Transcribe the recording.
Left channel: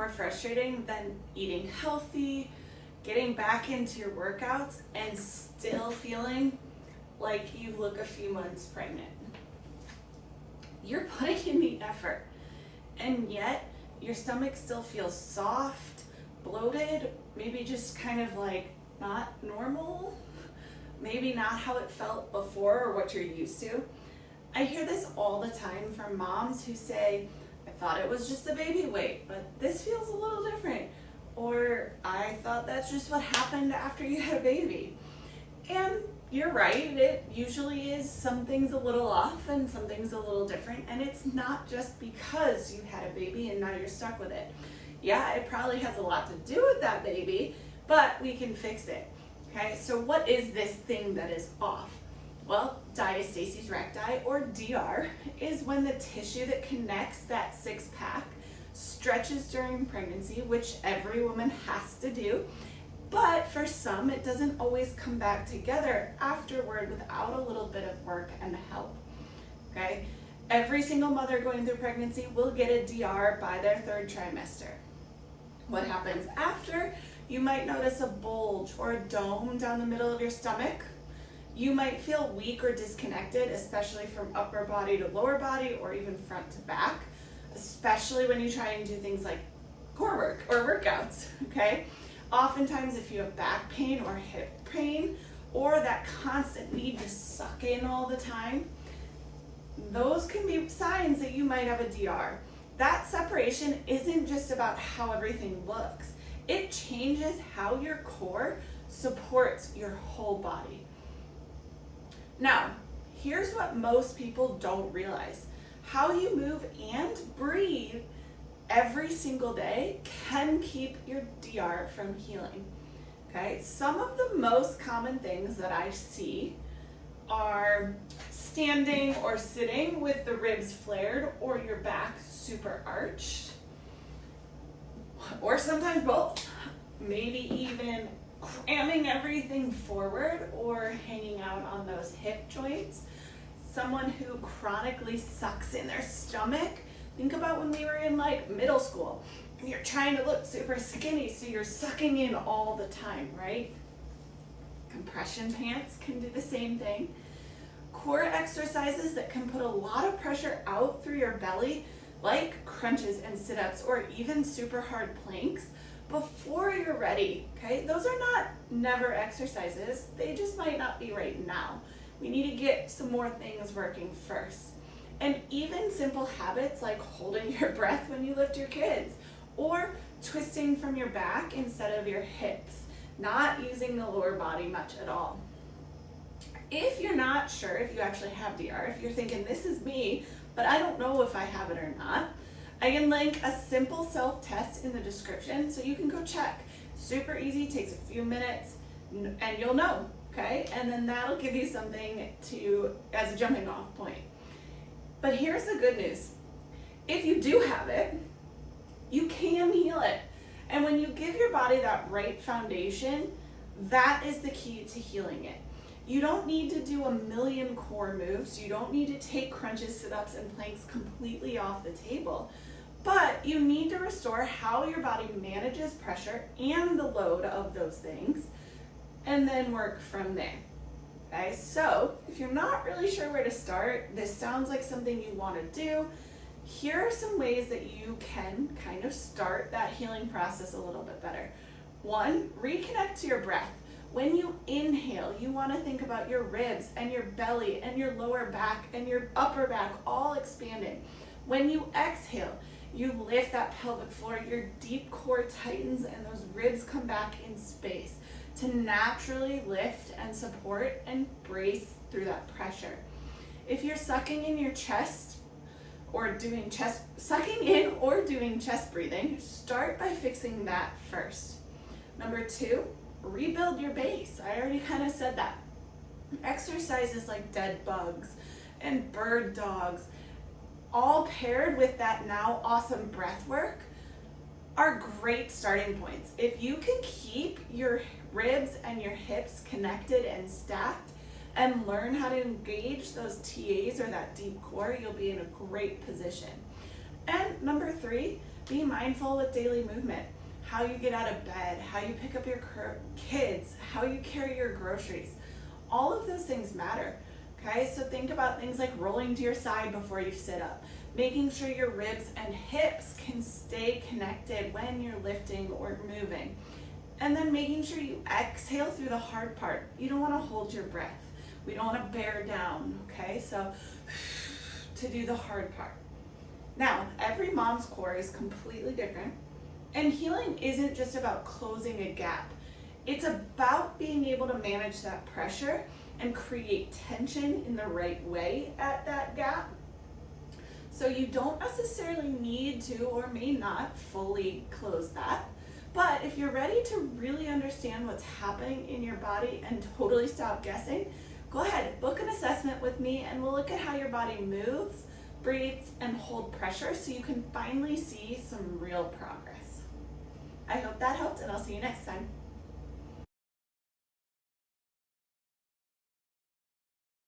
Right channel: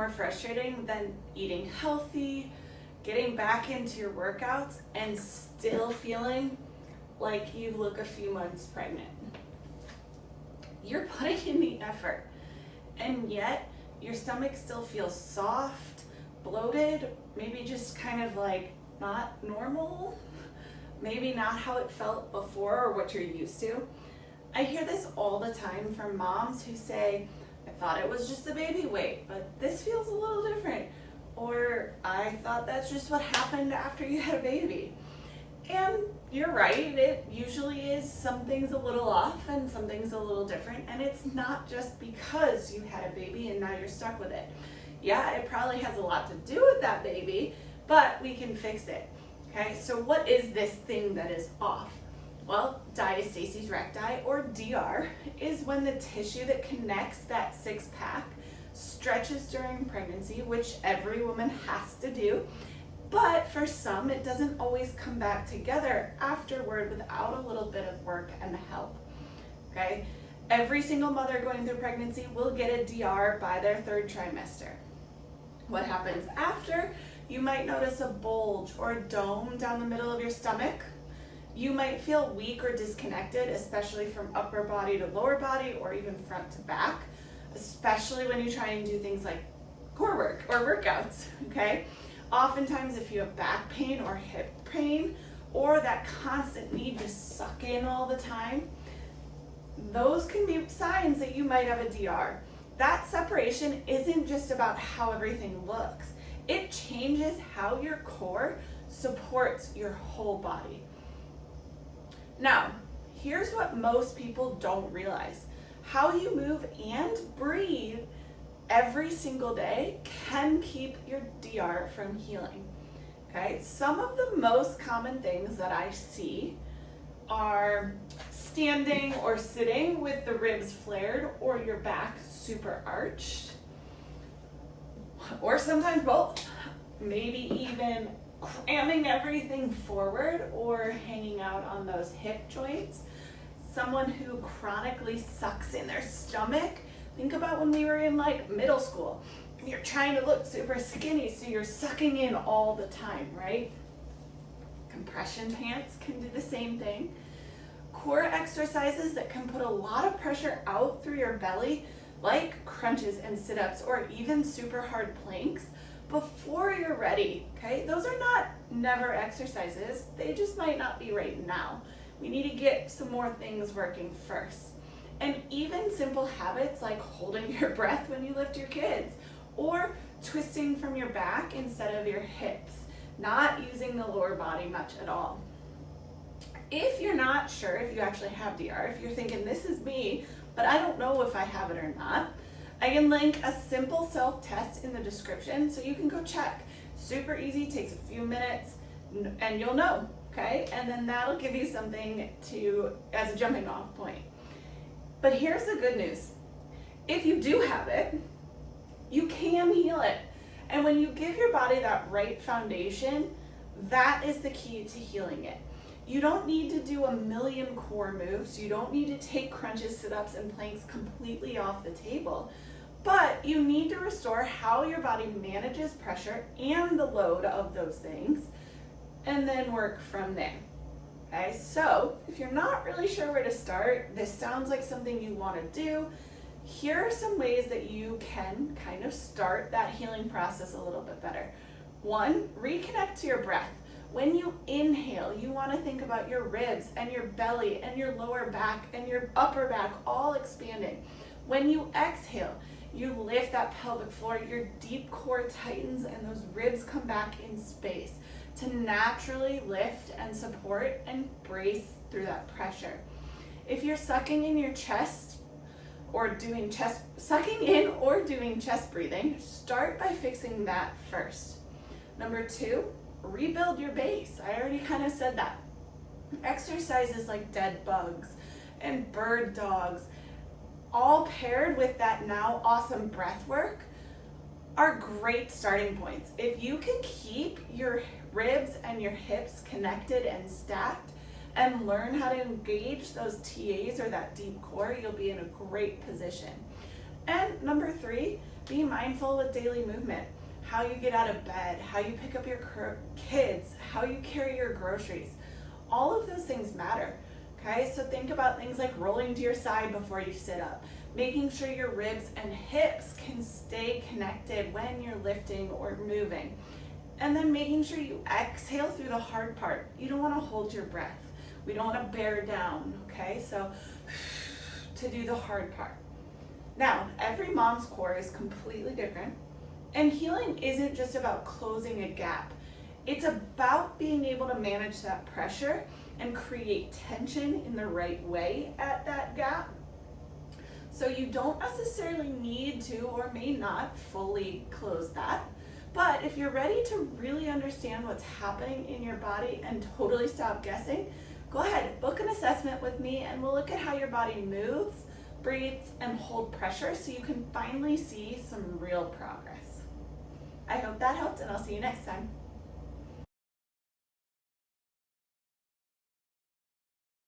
more frustrating than eating healthy, getting back into your workouts, and still feeling like you look a few months pregnant? You're putting in the effort, and yet your stomach still feels soft, bloated, maybe just kind of like not normal, maybe not how it felt before or what you're used to. I hear this all the time from moms who say, I thought it was just the baby weight, but this feels a little different. Or I thought that's just what happened after you had a baby. And you're right, it usually is. Something's a little off and something's a little different, and it's not just because you had a baby and now you're stuck with it. Yeah, it probably has a lot to do with that baby, but we can fix it. Okay, so what is this thing that is off? Well, diastasis recti, or DR, is when the tissue that connects that six-pack stretches during pregnancy, which every woman has to do. But for some, it doesn't always come back together afterward without a little bit of work and help, okay? Every single mother going through pregnancy will get a DR by their third trimester. What happens after? You might notice a bulge or a dome down the middle of your stomach. You might feel weak or disconnected, especially from upper body to lower body or even front to back, especially when you try and do things like core work or workouts, okay? Oftentimes, if you have back pain or hip pain, or that constant need to suck in all the time, those can be signs that you might have a DR. That separation isn't just about how everything looks. It changes how your core supports your whole body. Now, here's what most people don't realize. How you move and breathe every single day can keep your DR from healing, okay? Some of the most common things that I see are standing or sitting with the ribs flared or your back super arched, or sometimes both. Maybe even cramming everything forward or hanging out on those hip joints. Someone who chronically sucks in their stomach. Think about when we were in like middle school and you're trying to look super skinny, so you're sucking in all the time, right? Compression pants can do the same thing. Core exercises that can put a lot of pressure out through your belly, like crunches and sit-ups or even super hard planks, before you're ready, okay? Those are not never exercises. They just might not be right now. We need to get some more things working first. And even simple habits like holding your breath when you lift your kids, or twisting from your back instead of your hips, not using the lower body much at all. If you're not sure if you actually have DR, if you're thinking this is me, but I don't know if I have it or not, I can link a simple self-test in the description so you can go check. Super easy, takes a few minutes, and you'll know, okay? And then that'll give you something as a jumping off point. But here's the good news. If you do have it, you can heal it. And when you give your body that right foundation, that is the key to healing it. You don't need to do a million core moves. You don't need to take crunches, sit-ups, and planks completely off the table. But you need to restore how your body manages pressure and the load of those things, and then work from there. Okay, so if you're not really sure where to start, this sounds like something you want to do, here are some ways that you can kind of start that healing process a little bit better. One, reconnect to your breath. When you inhale, you want to think about your ribs and your belly and your lower back and your upper back all expanding. When you exhale, you lift that pelvic floor, your deep core tightens, and those ribs come back in space to naturally lift and support and brace through that pressure. If you're sucking in your chest or doing chest breathing, start by fixing that first. Number two, rebuild your base. I already kind of said that. Exercises like dead bugs and bird dogs, all paired with that now awesome breath work, are great starting points. If you can keep your ribs and your hips connected and stacked and learn how to engage those TAs or that deep core, you'll be in a great position. And number three, Be mindful with daily movement, how you get out of bed, how you pick up your kids, how you carry your groceries. All of those things matter, okay? So think about things like rolling to your side before you sit up, making sure your ribs and hips can stay connected when you're lifting or moving. And then making sure you exhale through the hard part. You don't want to hold your breath. We don't want to bear down, okay? So to do the hard part. Now, every mom's core is completely different, and healing isn't just about closing a gap. It's about being able to manage that pressure and create tension in the right way at that gap. So you don't necessarily need to or may not fully close that. But if you're ready to really understand what's happening in your body and totally stop guessing, go ahead, book an assessment with me and we'll look at how your body moves, breathes, and hold pressure so you can finally see some real progress. I hope that helped, and I'll see you next time.